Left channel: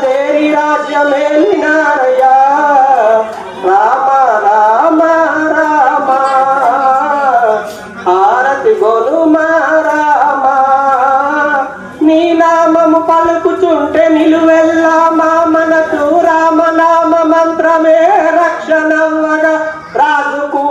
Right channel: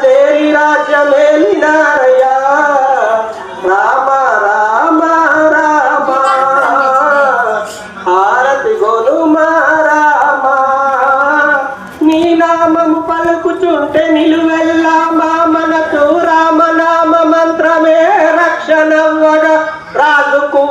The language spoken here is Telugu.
తేరి రాజ్యమేలినారయ్యా రామ రామ రామ హారతి గొనుమా రామ నీ నామము పలుకుచుంటే నిలువెల్లా మా మనకు రామనామ మంత్రమే రక్షణవ్వగా రాజుకు